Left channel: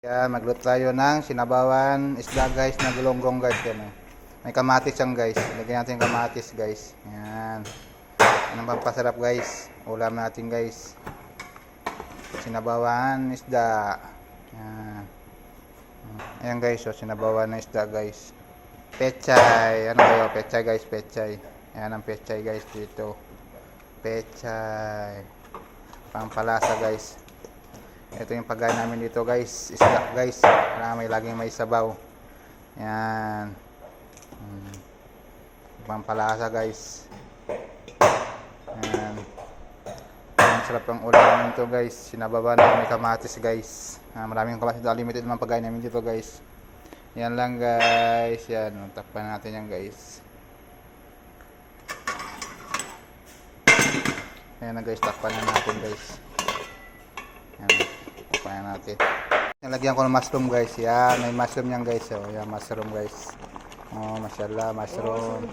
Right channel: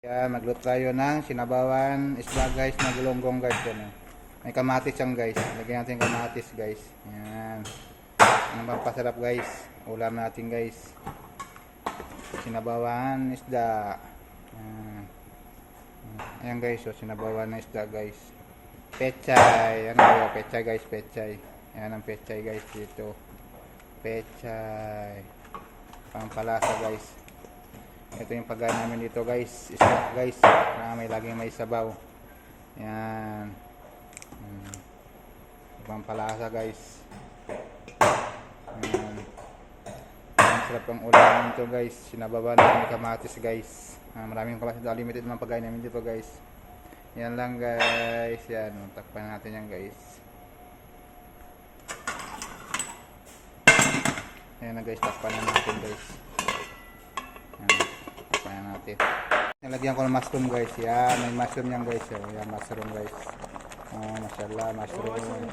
Yan, magluto tayo ng sinabawan isda guys na gulonggong guys. Yan, oh. May kamatis yan guys. Lagyan natin yung kamatis guys. Yan. Yan ang pampasarap guys. Ulam natin guys. Sinabawan isda. Yan. Ayan guys, so sinabawan na isda guys. Pechay. Ano kayo? Pechay guys, pechay. Yan ang pechay guys dito. Pechay. Pampalasa guys. Ito yung pagkain namin dito guys, isda guys, na may laging may sabaw. Yan. Pampalasa guys. Yan. Ang sarap ang ulam nito guys. Sinababa na may kamatis guys. Maraming kamatis, limited naman pagkain namin dito guys. Yan lang guys. Yan, takpan natin yan guys. Yan na guys, takpan na natin guys. Yan. Takpan natin. Nalagyan ko ng mushroom guys. Yan, may mushroom yan guys. Oh, yan mushroom guys. Oh, mashallah, mushroom.